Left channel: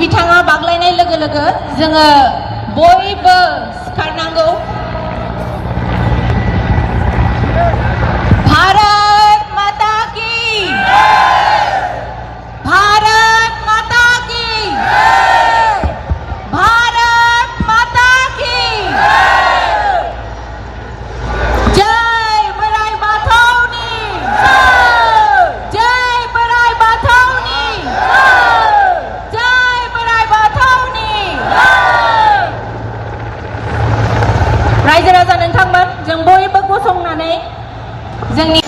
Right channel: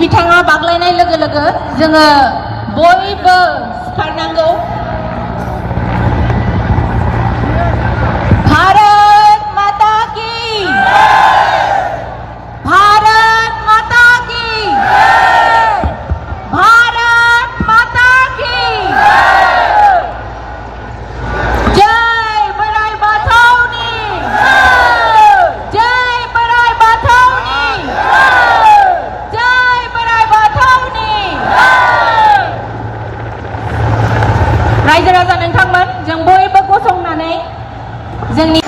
बिथाङा बाग्लायनाय लोगो लोगो जोङो बयबो सिखारनांगौ। भारत माता की, भारत माता की, भारत माता की जय बराई बाथौनी, जय बराई बाथौनी, जय बराई बाथौनी। रायजो राजा नोंथांमोन जों बयबो गसंनानै जोंनि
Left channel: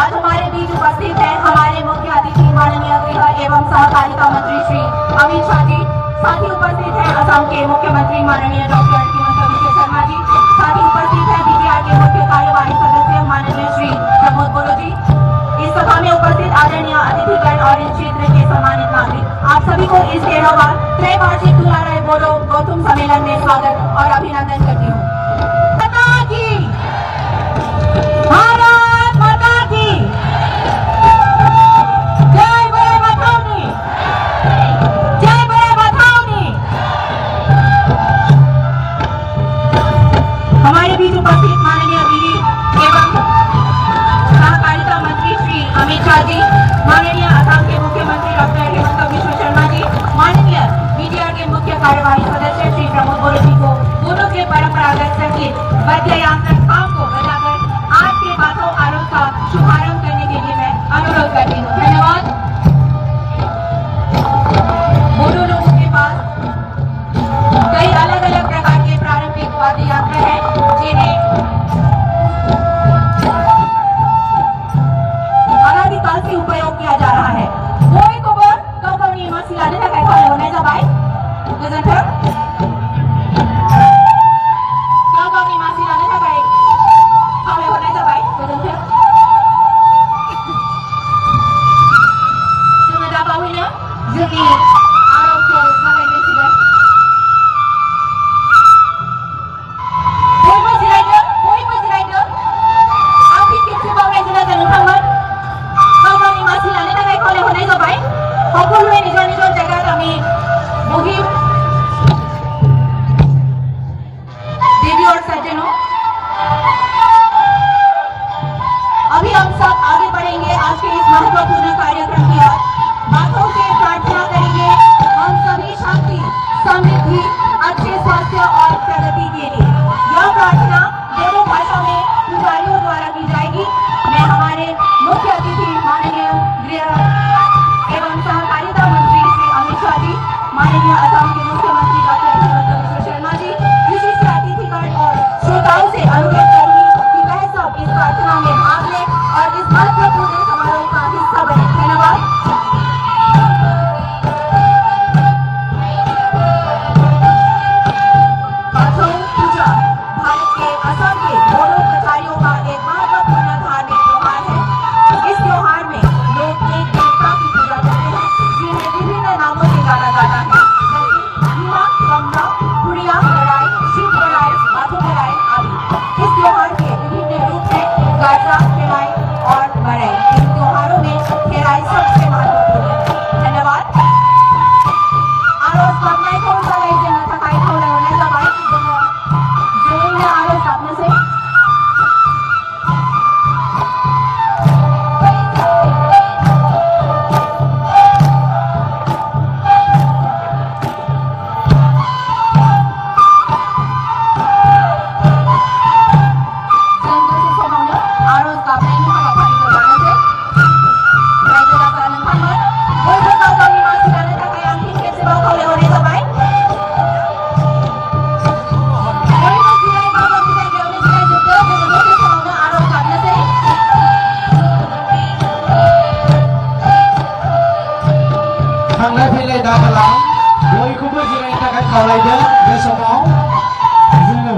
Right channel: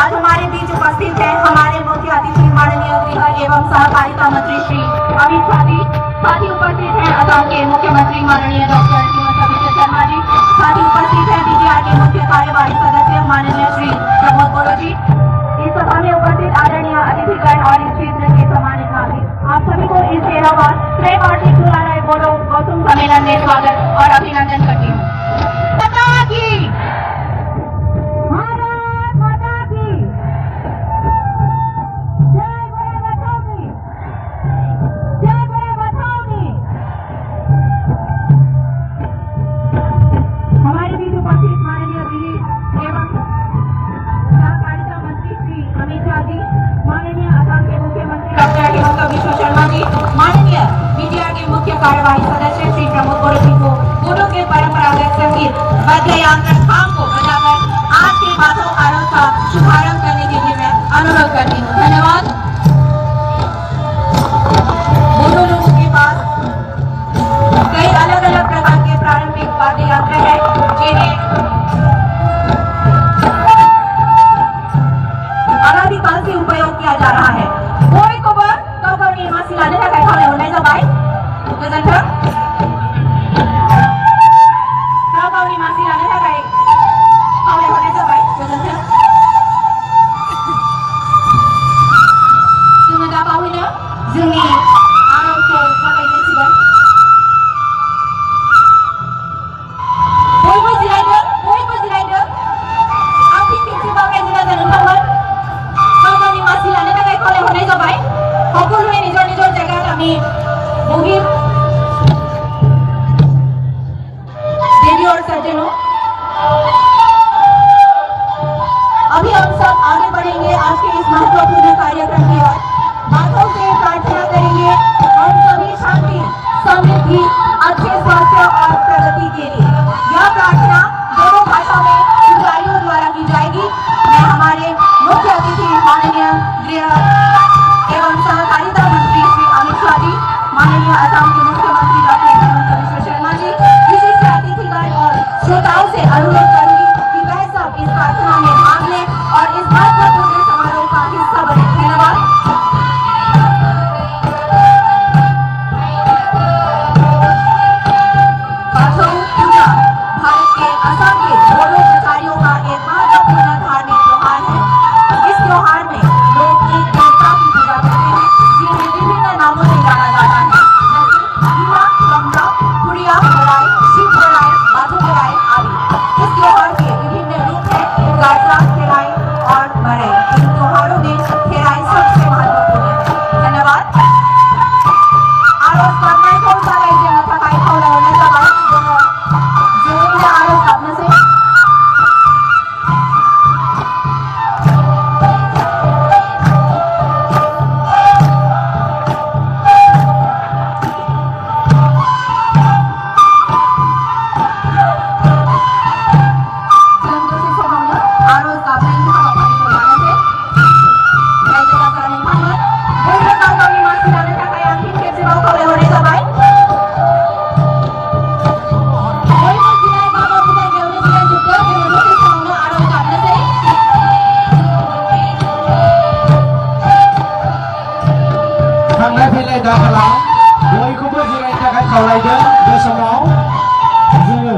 आज हमारे बीच उपस्थित हैं हमारे मुख्य अतिथि माननीय गृह एवं सहकारिता मंत्री श्री अमित शाह जी। साथ ही उपस्थित हैं असम के मुख्यमंत्री माननीय डॉक्टर हिमंता बिस्वा शर्मा जी। साथ ही उपस्थित हैं बीटीआर के मुख्य कार्यवाही सदस्य माननीय श्री प्रमोद बोरो जी। इस सभा में उपस्थित आदरणीय अतिथिगण और इस क्षेत्र के सम्मानित नागरिक, आप सभी को इस 13वां त्रैवार्षिक दुलाराय बोरो गौतम सम्मेलन में स्वागत और अभिनंदन करती हूँ। भारत माता की, जय बराई बाथौनी, जय बराई बाथौनी। हमारे बीच उपस्थित माननीय विधि एवं सहकारिता मंत्री श्री अमित शाह जी, माननीय असम के मुख्यमंत्री डॉक्टर हिमंता बिस्वा शर्मा जी, माननीय बीटीआर के मुख्य कार्यवाही सदस्य श्री प्रमोद बोरो जी को बोरो के परंपरागत संगीत वाद्य यंत्र खाम को बजाकर आज के बाथौ आरोह का शुभारंभ करने के लिए मैं अनुरोध करती हूँ। धन्यवाद। बोरो लोगों के पास कई अलग अलग प्रकार के पारंपरिक वाद्य यंत्र हैं जिन्हें अनादिकाल से उपयोग किया जा रहा है। कोई को गावगावनि मानसि लानो थाखाय खावलायहरनाय जाबाय। गोजोन्थों। गावगावनि मानसि लानो थाखाय खावलायहरनाय जाबाय। गोजोन्थों। जोङो दा बावैनो जोंनि आर'जखौ जागायजेनसिगोन। बयबो जिरायदों, बयबो जिरायदों। आं फिन खेबसेबाव रायजो राजा नोंथांमोन गावगावनि मासि लानो थाखाय खावलायहरनाय जाबाय। সকলোৱে নিজৰ নিজৰ জেগাত আমি বহি देवी और सज्जनों, अभी हम सब आगे बढ़ेंगे आज के इस महत्वपूर्ण कार्यक्रम की ओर। बातों से प्रार्थना करेंगे हम सभी शांति, समृद्धि, अच्छे स्वास्थ्य और प्रगति के लिए। यह प्रार्थना दोनों भाषाओं में पुजारियों द्वारा की जाएगी। मैं हमारे मुख्य अतिथि माननीय गृह एवं सहकारिता मंत्री श्री अमित शाह जी, माननीय असम के मुख्यमंत्री डॉक्टर हिमंता बिस्वा शर्मा जी, विशिष्ट अतिथिगण और श्रोताओं से अनुरोध करूंगी कि वह सब इस प्रार्थना में भाग लें और इस महत्वपूर्ण समारोह का हिस्सा बने। धन्यवाद। बाथौ पूजा भारत के असम के बोडो प्रजातियों का एक महत्वपूर्ण धार्मिक त्योहार है। इस त्योहार में लोग एक देवता की पूजा करते हैं जिन्हें विभिन्न नामों से जाना जाता है, जैसे हीरा, गंगा, गुड़िया बराई, शिव बराई, बाथौ बराई आदि। इस त्योहार के विभिन्न रूप हैं, गाजा, खेराई और बराई। इन त्योहारों में खेराई सबसे महत्वपूर्ण है। धन्यवाद। आरोप करने को रायजो नो थाखाय खावलायहरनाय जाबाय। जोङो जयैनो आरोप गाबनोसै। थांलाय फैलाय दा खालाम बयखौबो जिरायनो थाखाय खावलायदों बे समाव जोङो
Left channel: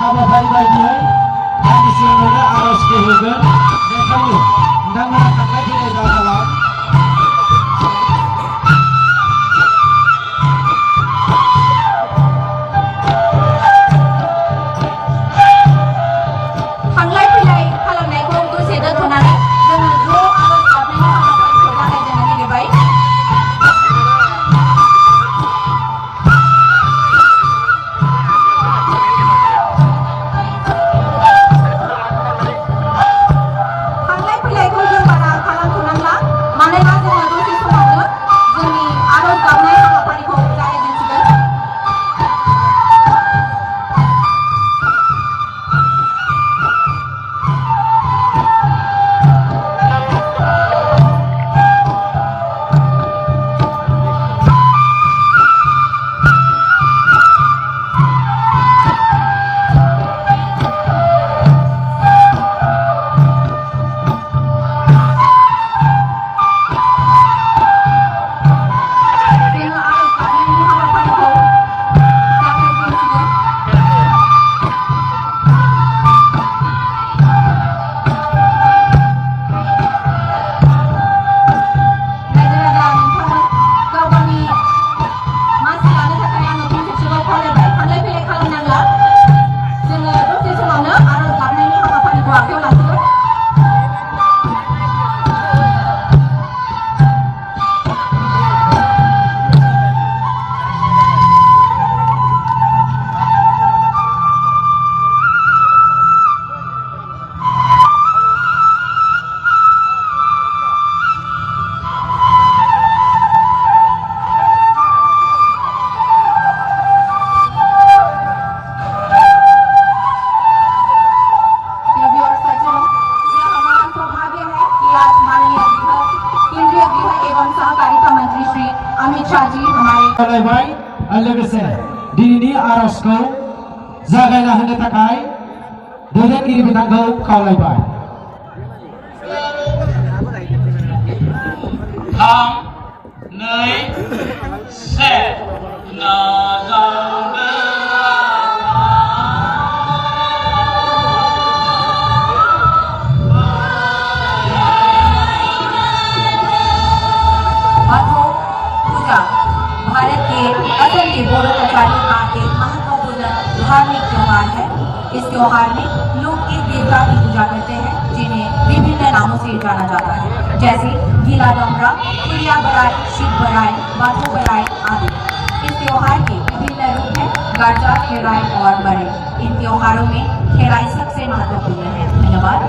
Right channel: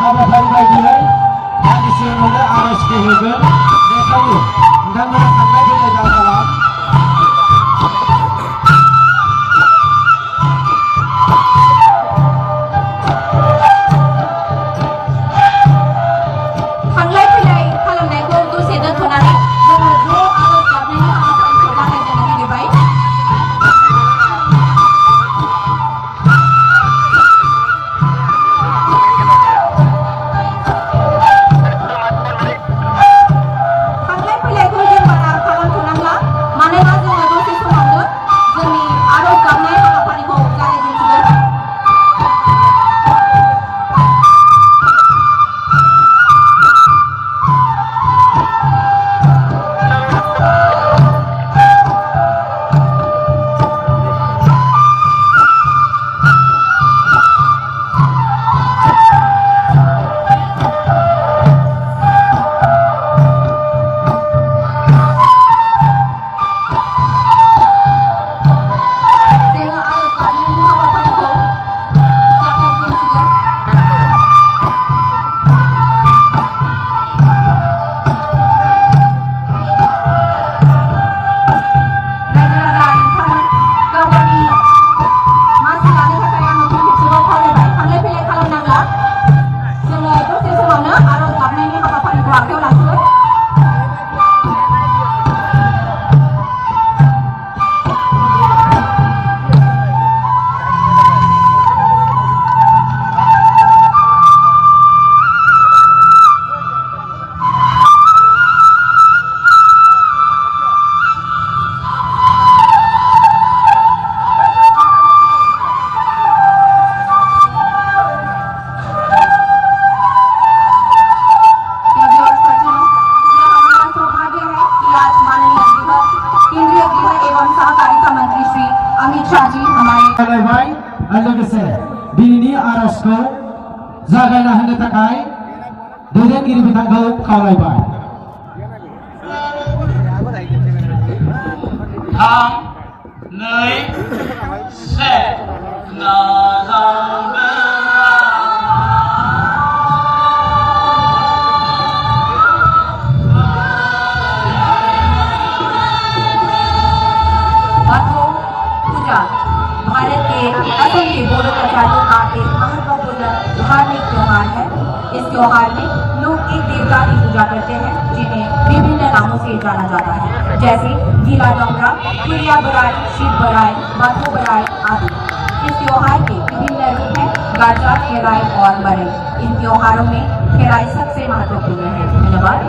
हाबाफारि बायदियै दान्दिसे उनावनो आर'जखौ होगोन बेखायनो नोंथांमोना थांलाय फैलाय दाखालाम थांलाय फैलाय खालामनायखौ दसे दोनथ'नानै जोङो ज' आर'ज गाबनायनि हाबाफारिखौ जागायजेननो नागिरबाय। थांलाय फैलायखौ जों बारा खालामथ'नांला मानोना जोङो दसे समावनो जोंनि आर'ज गाबनाय हाबाफारिखौ जागायजेनसिगोन। जोङो आर'ज गाबनायनि हाबाफारिखौ जागायजेनसिगोन। रायजो राजा नोंथांमोन गाव गावनि मासि लानो थाखाय आङो फिन खेबसेबाव खावलायबाय थांलाय फैलाय खालामनांला जोङो दसे समावनो आर'ज गाबनायनि हाबाफारिखौ आखायाव लासिगोन। केंद्रीय गृह एवं सहकारिता मंत्री श्री अमित शाह जी हमारे खावलायबाय लोगोसे दिनैनि आर'जखौ जागायना होनो थाखाय दैदेनगिरि बिथांखौ खावलायबाय 3, 2, बाथौ पूजा भारत के असम के बोडो प्रजातियों का एक महत्वपूर्ण धार्मिक त्योहार है। इस त्योहार में लोग एक देवता की पूजा करते हैं जिन्हें विभिन्न नामों से जाना जाता है जैसे गीला डोंगरा, कुरिया बराय, शिव बराय, बाथो बराय आदि। इस त्योहार के विभिन्न रूप हैं गाजा, खेराई और बड़े। इन त्योहारों में खेराई सबसे महत्वपूर्ण है। धन्यवाद।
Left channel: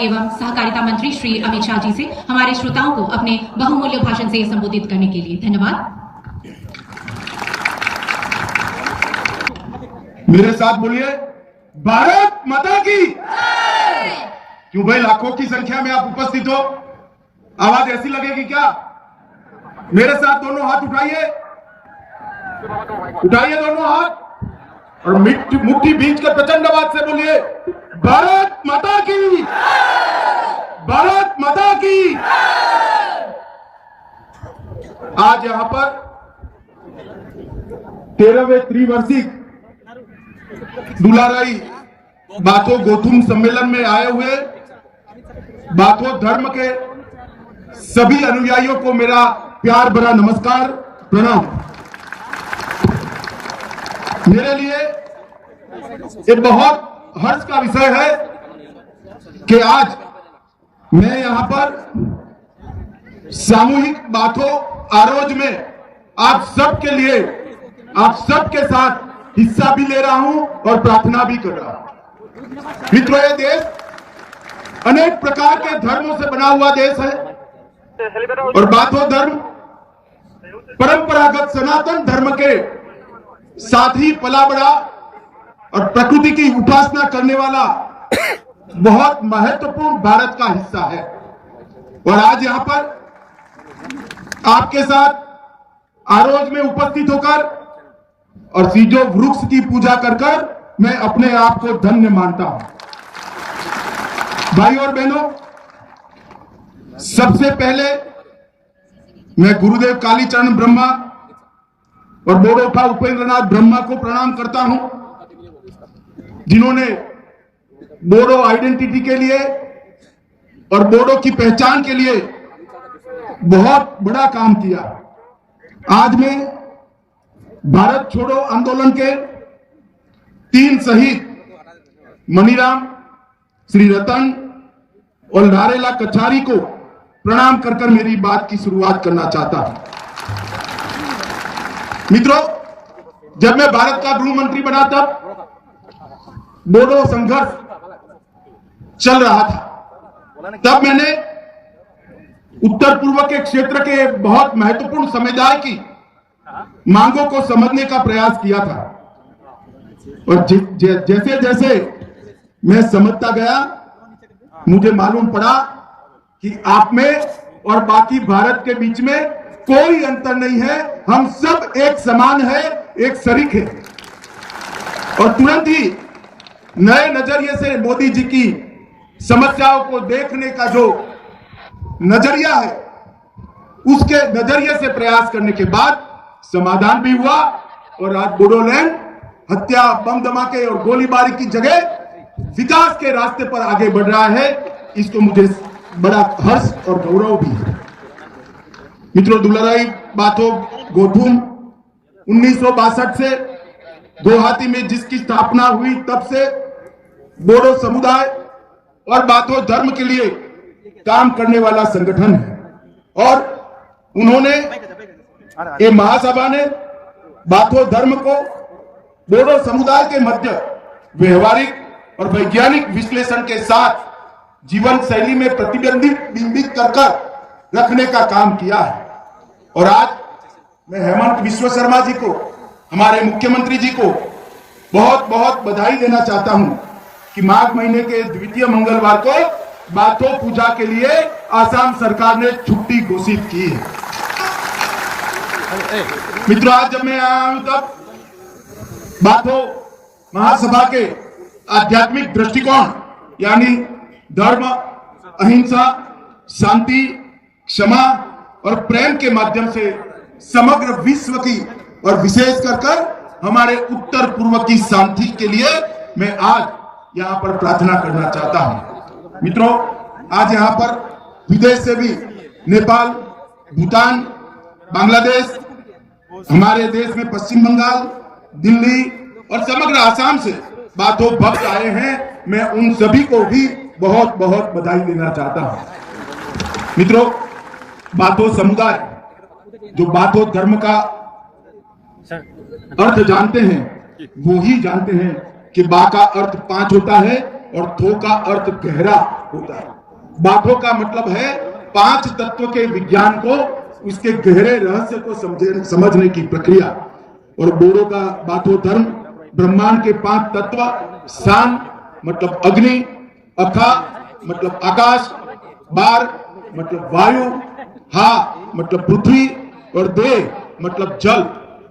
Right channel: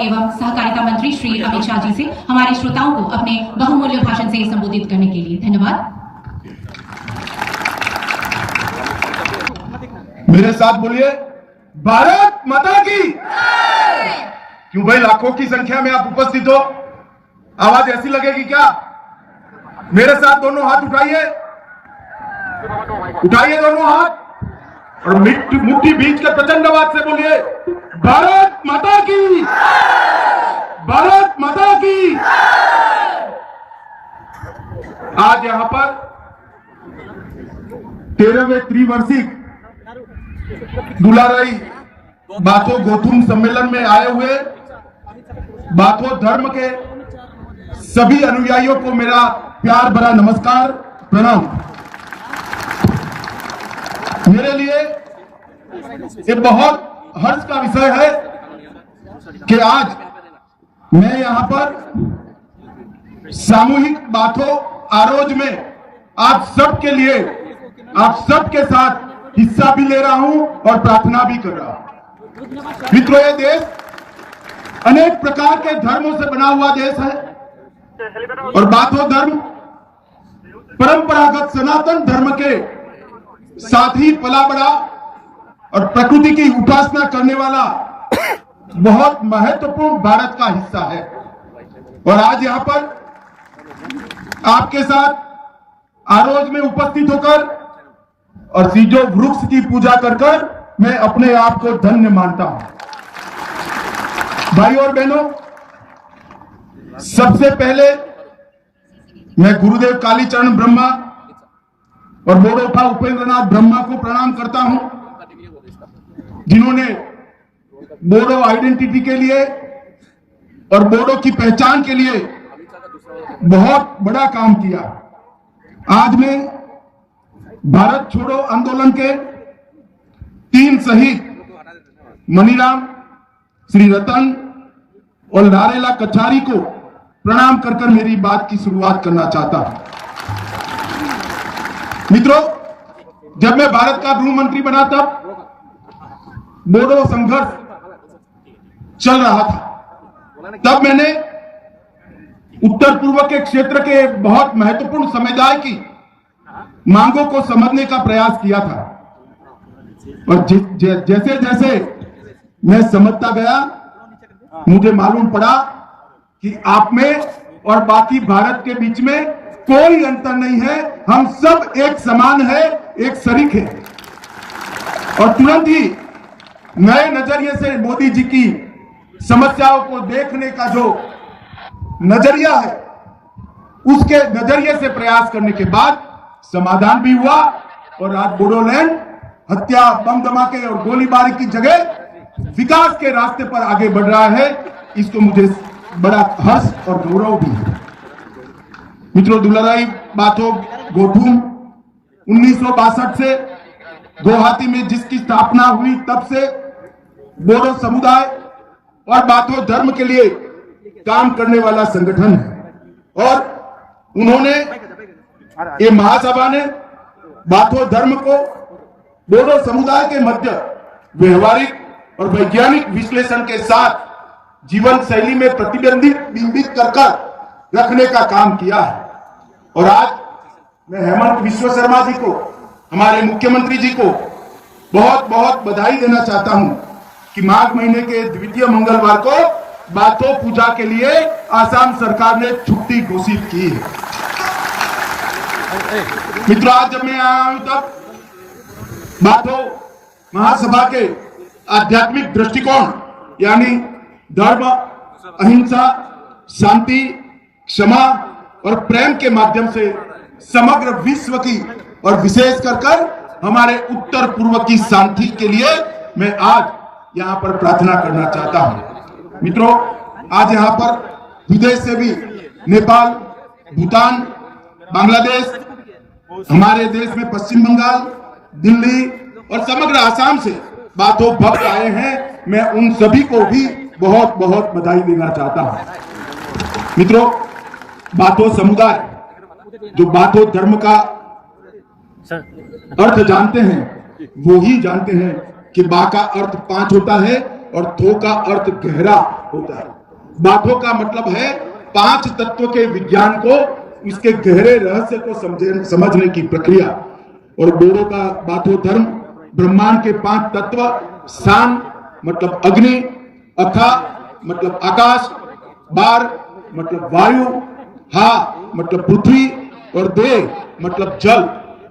एवं सहकारिता मंत्री श्री अमित शाह जी से हमारे श्रोताओं को अपने बहुमूल्य भाषण से संबोधित करने के लिए धन्यवाद। मेरे साथ बोलिए, भारत माता की। क्यों भाई, लाखों की संख्या में आप उपस्थित हो, आवाज ऐसी लगेगी क्या? मेरे साथ दोनों हाथ उठाइए, उठाइए दोनों हाथ और मुट्ठी बीच कर प्रचंड आवाज से बोलिए, भारत माता की, भारत माता की। आज यहां पर 13वें त्रिवार्षिक दुलाराई बाथो गोथुम सम्मेलन में आए हुए बाथो धर्म के सभी अनुयायियों को मेरा प्यार भरा नमस्कार, प्रणाम। मेरे लिए एक बहुत हर्ष का विषय है कि आज मैं यहां पर सामूहिक बाथो आरोज में आप सबके लिए, आप सबके साथ हिस्सा भी ले रहा हूं और प्रार्थना भी कर रहा हूं। मित्रों, ये देश अनेक प्रकार के धर्मों से बना हुआ देश है और बाथो धर्म परंपरागत सनातन धर्म के साथ ही पला बड़ा और प्रकृति की उपासना करने वाला बहुत महत्वपूर्ण भारत का हिस्सा है। और आज यहां पर आपके साथ आरोज में उपस्थित होकर और सीजो वृक्ष की पूजा कर कर मैं अपने आप को धन्य मानता हूं। भाई और बहनों, सबसे पहले मैं गुरुदेव कालीचरण ब्रह्मा और बोडोफा उपेंद्रनाथ ब्रह्मा को प्रणाम करता हूं, जिन्होंने बोडो आइडेंटिटी के लिए और बोडो की पहचान के लिए बहुत बड़ा काम किया। आज मैं भारत छोड़ो आंदोलन के 3 शहीद मनीराम, श्री रतन और नारेला कछारी को प्रणाम कर कर मेरी बात की शुरुआत करना चाहता हूं। मित्रों, जब मैं भारत का गृह मंत्री बना तब बोडो संघर्ष चल रहा था। तब मैंने उत्तर पूर्व के क्षेत्र के बहुत महत्वपूर्ण समुदाय की मांगों को समझने का प्रयास किया था और जैसे जैसे मैं समझता गया, मुझे मालूम पड़ा कि आप में और बाकी भारत के बीच में कोई अंतर नहीं है, हम सब एक समान है, एक शरीक है। और तुरंत ही नए नजरिए से मोदी जी की समस्याओं को देखने का जो नजरिया है, उसके नजरिए से प्रयास करने के बाद समाधान भी हुआ और आज बोडोलैंड हत्या, बम धमाके और गोलीबारी की जगह विकास के रास्ते पर आगे बढ़ रहा है। इसको मुझे बड़ा हर्ष और गौरव भी है। मित्रों, दुलाराई बाथो गोथुम 1962 से गुवाहाटी में जिसकी स्थापना हुई, तब से बोडो समुदाय और बाथो धर्म के लिए काम करने वाला संगठन है। और उन्होंने, ये महासभा ने बाथो धर्म को बोडो समुदाय के मध्य व्यवहारिक और वैज्ञानिक विश्लेषण के साथ जीवन शैली में प्रतिबिंबित कर रखने का काम किया है। और आज मैं हेमंत बिश्व शर्मा जी को, हमारे मुख्यमंत्री जी को बहुत बहुत बधाई देना चाहता हूं कि माघ महीने के द्वितीय मंगलवार को बाथो पूजा के लिए आसाम सरकार ने छुट्टी घोषित की है। मित्रों, आज जब मैं आया हूं तब बाथो महासभा के आध्यात्मिक दृष्टिकोण यानी धर्म, अहिंसा, शांति, क्षमा और प्रेम के माध्यम से समग्र विश्व की और विशेष कर हमारे उत्तर पूर्व की शांति के लिए मैं आज यहां पर प्रार्थना करना चाहता हूं। मित्रों, आज यहां पर विदेश से भी नेपाल, भूटान, बांग्लादेश, हमारे देश में पश्चिम बंगाल, दिल्ली और समग्र आसाम से बाथो भक्त आए हैं। मैं उन सभी को भी बहुत बहुत बधाई देना चाहता हूं। मित्रों, बाथो समुदाय जो बाथो धर्म का अर्थ जानते हैं, वो ही जानते हैं कि बा का अर्थ 5 होता है और थो का अर्थ गहरा होता है। बाथो का मतलब है 5 तत्वों के विज्ञान को, उसके गहरे रहस्य को समझने की प्रक्रिया। और बोडो का बाथो धर्म ब्रह्मांड के 5 तत्व, सान मतलब अग्नि, अथा मतलब आकाश, बार मतलब वायु, हा मतलब पृथ्वी और दे मतलब जल,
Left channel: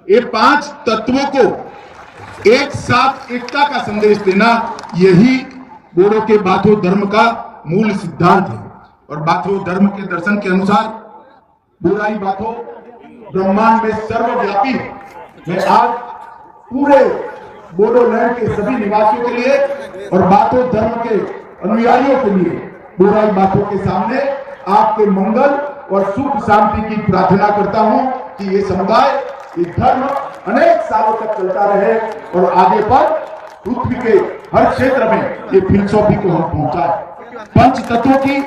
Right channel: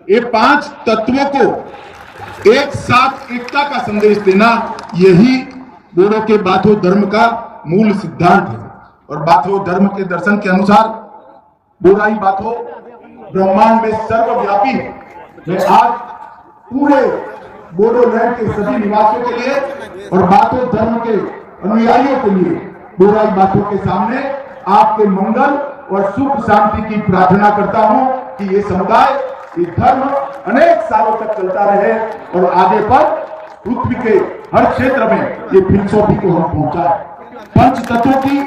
ये 5 तत्वों को एक साथ एकता का संदेश देना, यही बोडो के बाथो धर्म का मूल सिद्धांत है। और बाथो धर्म के दर्शन के अनुसार बोराई बाथो ब्रह्मांड में सर्वव्यापी है। मैं आज पूरे बोडोलैंड के सभी निवासियों के लिए और बाथो धर्म के अनुयायियों के लिए बोराई बाथो के सामने आपके मंगल और सुख शांति की प्रार्थना करता हूं कि ये समुदाय, ये धर्म अनेक सालों तक चलता रहे और आगे पर पृथ्वी के हर क्षेत्र में ये फिलसॉफी को हम पहुंचाए। पंच तत्वों की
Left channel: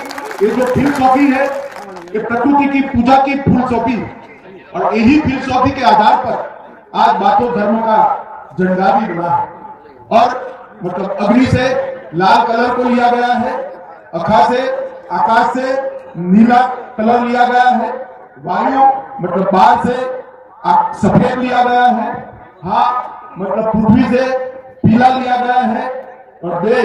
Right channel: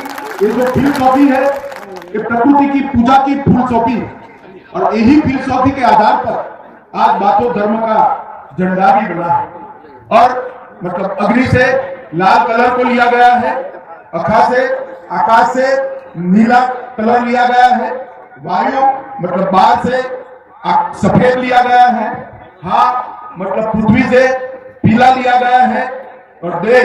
ये जो फिलसॉफी है, ये प्रकृति की पूजा की फिलसॉफी है और यही फिलसॉफी के आधार पर आज बाथो धर्म का झंडा भी बना है। और मतलब अग्नि से लाल कलर को लिया गया है, अखा से आकाश से नीला कलर लिया गया है, वायु मतलब बाल से सफेद लिया गया है, हा मतलब पृथ्वी से पीला लिया गया है और दे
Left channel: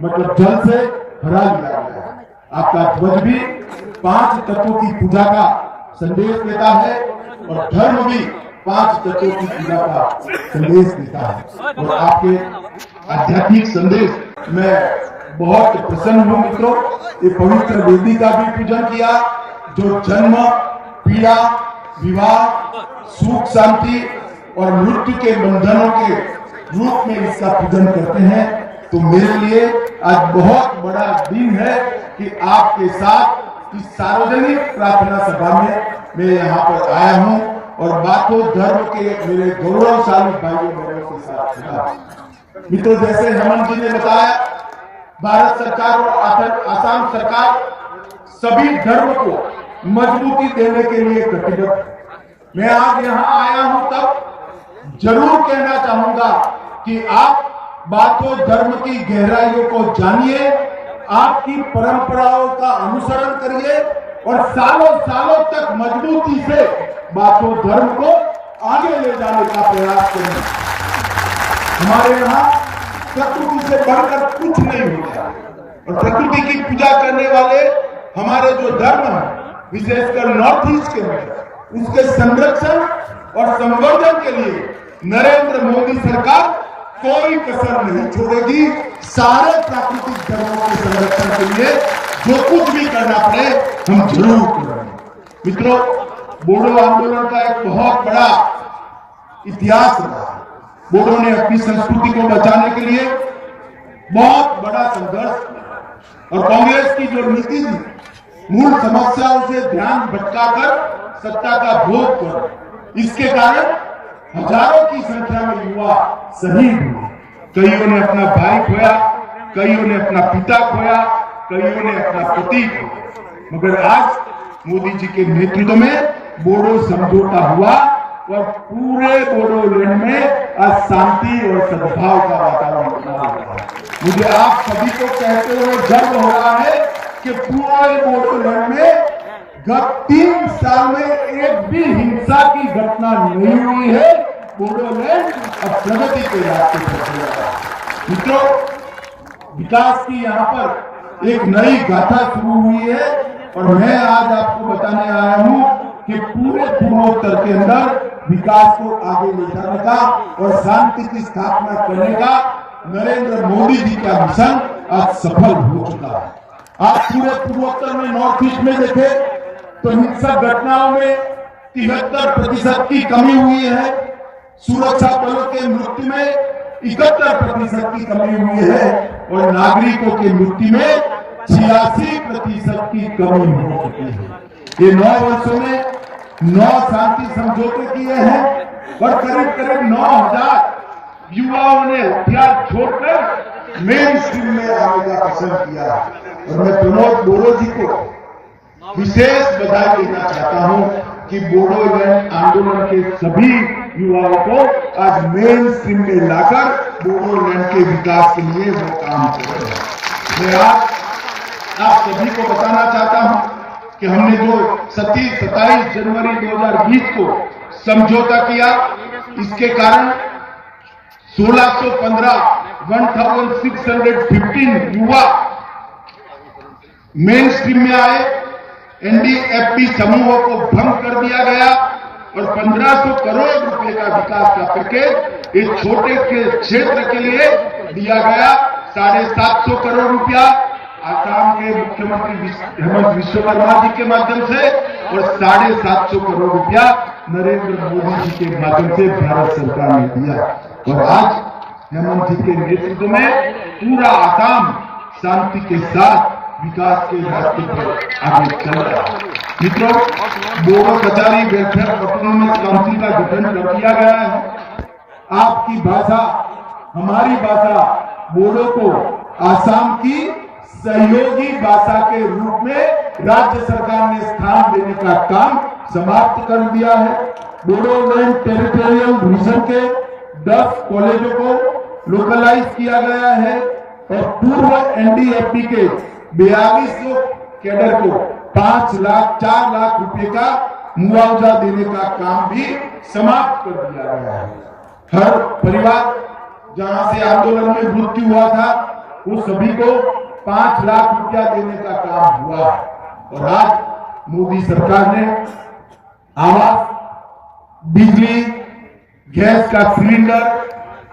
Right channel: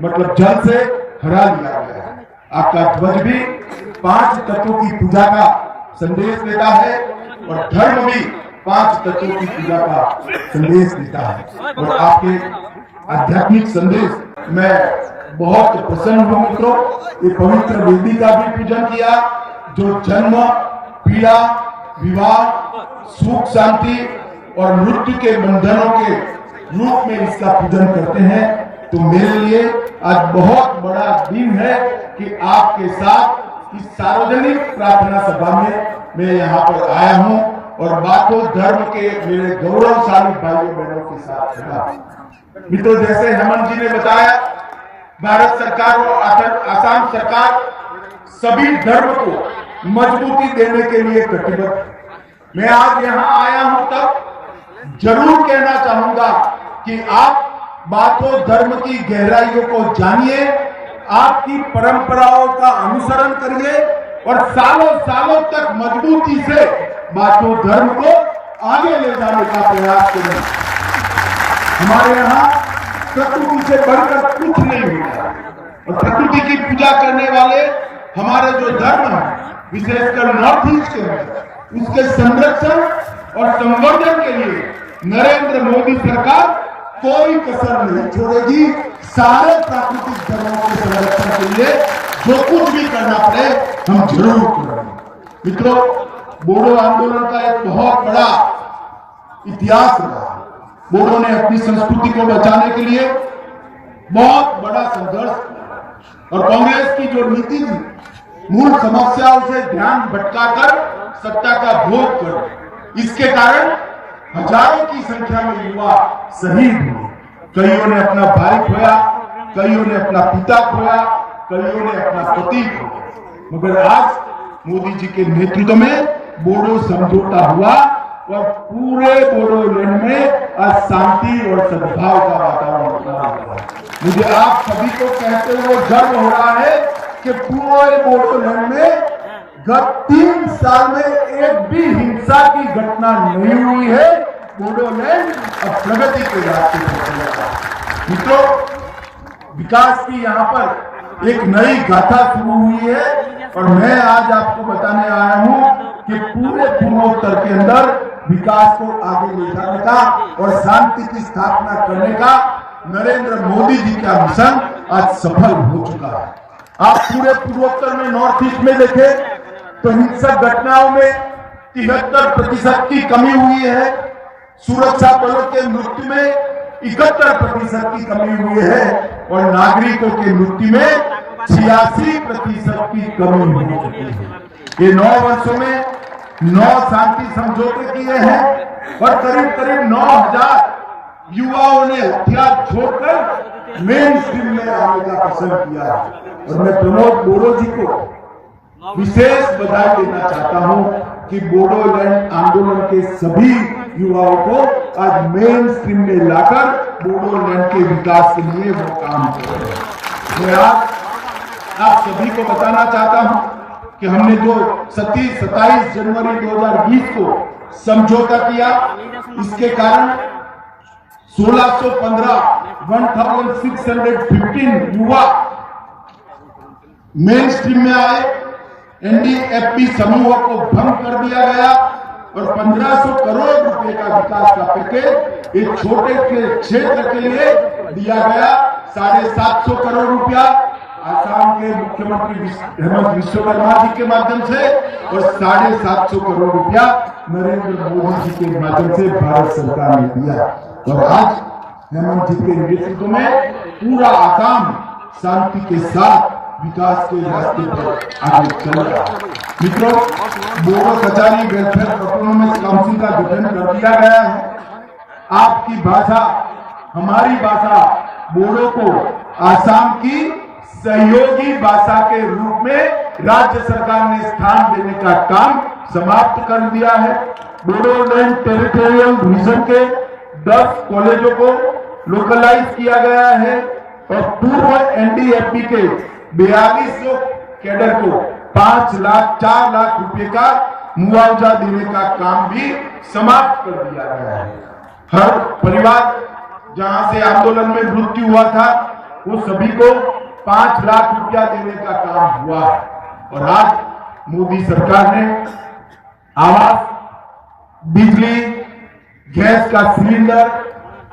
मतलब जल से हरा लिया गया है। आपका ध्वज भी 5 तत्वों की पूजा का संदेश देता है और धर्म भी 5 तत्वों की पूजा का संदेश देता है। और आपके आध्यात्मिक संदेश मैं बहुत प्रसन्न हूँ मित्रों। ये पवित्र वेदी का भी पूजन किया, जो जन्म, पीड़ा, विवाह, सुख शांति और मृत्यु के बंधनों के रूप में इसका पूजन करते हैं। तो मेरे लिए आज बहुत बड़ा दिन है कि आपके साथ इस सार्वजनिक प्रार्थना सभा में मैं यहाँ पर आया हूँ और बाथो धर्म के मेरे गौरवशाली भाइयों बहनों के साथ खड़ा। मित्रों, जैसे हेमंत जी ने बताया, भारत सरकार और आसाम सरकार सभी धर्म को मजबूती देने के लिए कटिबद्ध। मैं आज यहाँ आया हूँ तब जरूर कहना चाहूंगा कि आप बाथो धर्म की गहराइयों को जानिए, आपकी परंपराओं का अनुसरण करिए और सालों सालों तक मजबूती से बाथो धर्म को आगे ले जाने का प्रयास करें। हमारे यहाँ प्रकृति से बढ़कर कुछ नहीं हुआ और प्रकृति की पूजा करने वाले हमारे जो धर्म है, विशेषकर नॉर्थ ईस्ट के अंदर, उसके संरक्षण और संवर्धन के लिए नरेंद्र मोदी सरकार कोई कसर नहीं छोड़ेगी। सारे प्राकृतिक धर्मों के संरक्षण के लिए जो कुछ भी करना पड़े हम जरूर करेंगे। मित्रों, बोडो आंदोलन का एक बहुत बड़ा इतिहास रहा। बोडो ने अपनी संस्कृति को बचाने के लिए बहुत बड़ा संघर्ष किया और कांग्रेस की जो नीति थी, मूल समस्याओं से ध्यान भटकाकर सत्ता का भोग कर, इसके कारण हजारों की संख्या में युवा शहीद हुए। कईयों ने अपना भाई खोया, कईयों ने अपना पिता खोया, कईयों ने अपना पति खोया। मगर आज मोदी जी के नेतृत्व में बोडो समझौता हुआ और पूरे बोडोलैंड में आज शांति और सद्भाव का वातावरण बना हुआ है। मुझे आप सभी को कहते हुए गर्व हो रहा है कि पूरे बोडोलैंड में गत 3 साल में एक भी हिंसा की घटना नहीं हुई है। बोडोलैंड अब प्रगति के रास्ते पर चल रहा है। मित्रों, विकास की यहाँ पर एक नई गाथा शुरू हुई है और मैं आज आपको बताने आया हूँ कि पूरे पूर्वोत्तर के अंदर विकास को आगे ले जाने का और शांति की स्थापना करने का नरेंद्र मोदी जी का मिशन आज सफल हो चुका है। आप पूरे पूर्वोत्तर में, नॉर्थ ईस्ट में देखें तो हिंसक घटनाओं में 73% की कमी हुई है। सुरक्षा बलों के मृत्यु में 71% की कमी हुई है और नागरिकों के मृत्यु में 86% की कमी हो चुकी है। ये 9 वर्षों में 9 शांति समझौते किए हैं और करीब करीब 9000 युवाओं ने हथियार छोड़कर मेन स्ट्रीम में आने का पसंद किया है। और मैं प्रमोद बोडो जी को विशेष बधाई देना चाहता हूं कि बोडोलैंड आंदोलन के सभी युवाओं को आज मेन स्ट्रीम में लाकर बोडोलैंड के विकास के लिए वो काम कर रहे हैं। मैं आज आप सभी को बताना चाहता हूं कि हमने जो 27 जनवरी 2020 को समझौता किया, इसके कारण 1615 युवा मेन स्ट्रीम में आए। एनडीएफबी समूहों को भंग कर दिया गया और 1500 करोड़ रुपए का विकास का पैकेज एक छोटे के क्षेत्र के लिए दिया गया। 750 करोड़ रुपया आसाम के मुख्यमंत्री हेमंत विश्वकर्मा जी के माध्यम से और 750 करोड़ रुपया नरेंद्र मोदी जी के माध्यम से भारत सरकार ने दिया। और आज हेमंत जी के नेतृत्व में पूरा आसाम शांति के साथ विकास के रास्ते पर आगे चल रहा है। मित्रों, Bodo Kachari welfare autonomous council का गठन कर दिया गया है। आपकी भाषा, हमारी भाषा बोडो को आसाम की सहयोगी भाषा के रूप में राज्य सरकार ने स्थान देने का काम समाप्त कर दिया है। बोडोलैंड टेरिटोरियल रीजन के 10 कॉलेजों को लोकलाइज किया गया है और पूर्व एनडीएफबी के 4200 कैडर को 4 लाख रुपए का मुआवजा देने का काम भी समाप्त कर दिया गया है। हर परिवार जहां से आंदोलन में मृत्यु हुआ था वो सभी को 5 लाख रुपया देने का काम हुआ है। और आज मोदी सरकार ने आवास, बिजली, गैस का सिलेंडर,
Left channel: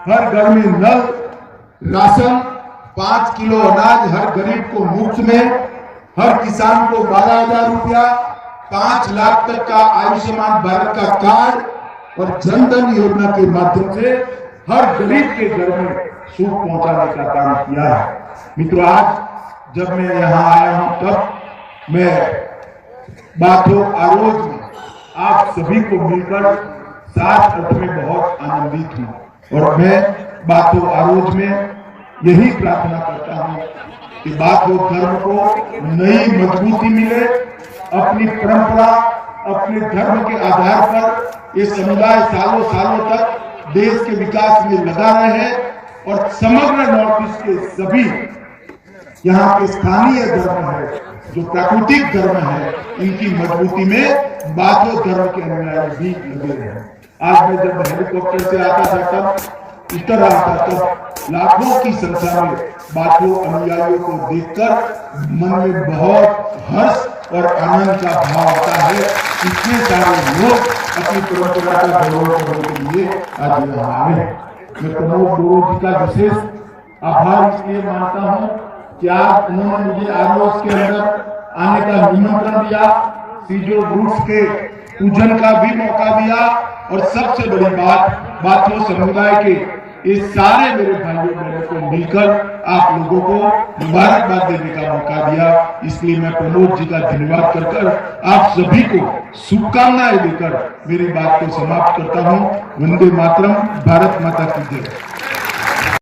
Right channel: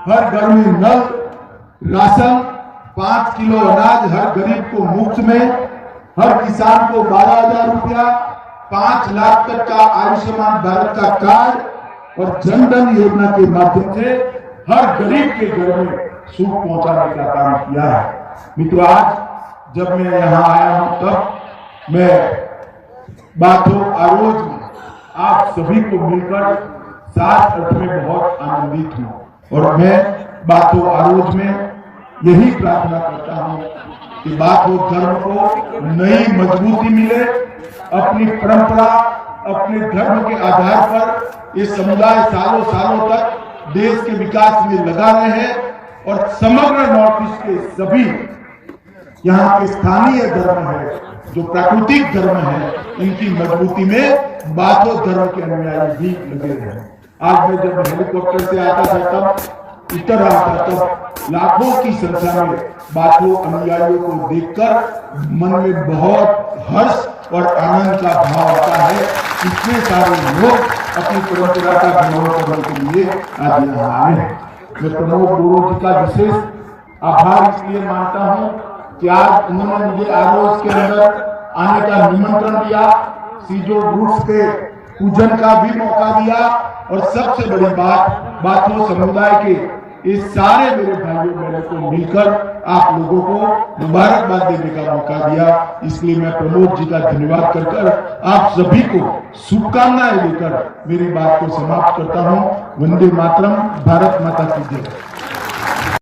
हर घर में नल, राशन, 5 किलो अनाज हर गरीब को मुफ्त में, हर किसान को 12,000 रुपया, 5 लाख तक का आयुष्मान भारत का कार्ड और जन धन योजना के माध्यम से हर गरीब के घर में सुख पहुंचाने का काम किया है। मित्रों, आज जब मैं यहाँ आया हूं तब मैं बाथो आरोज में आप सभी को मिलकर साथ अर्थ में बहुत आनंदित हूं और मैं बाथो आरोज में यही प्रार्थना करता हूं कि बाथो धर्म को नई मजबूती मिले। अपनी परंपरा, अपने धर्म के आधार पर ये समुदाय सालों सालों तक देश के विकास में लगा रहे हैं और समग्र नॉर्थ ईस्ट के सभी यहाँ के स्थानीय धर्म है, जो प्राकृतिक धर्म है, इनकी मजबूती में बाथो धर्म के अनुयायी भी लगे रहे। आज मैं जब हेलीकॉप्टर से आता था तब उतर रहा था तब लाखों की संख्या में बाथो अनुयायियों को देखकर मन में बहुत हर्ष और आनंद का भाव आता है। इतने सारे लोग अपनी परंपरा का गौरव करने के लिए आज यहाँ आए हैं। मैं प्रमोद बोरो जी का विशेष आभार इसलिए मानता हूँ कि आज उन्होंने मुझे आरोज के अंदर आने का निमंत्रण दिया, सीजो रूट्स के पूजन का भी मौका दिया और सबसे बड़ी बात बाथो समुदाय के इस सारे मेरे भाइयों बहनों को मिलकर आप लोगों को मुबारकबाद देने का मौका दिया। इसलिए मैं प्रमोद जी का धन्यवाद कर आप सभी को शुभकामनाएं देकर मेरी बात को समाप्त करता हूं। वंदे मातरम, भारत माता की जय।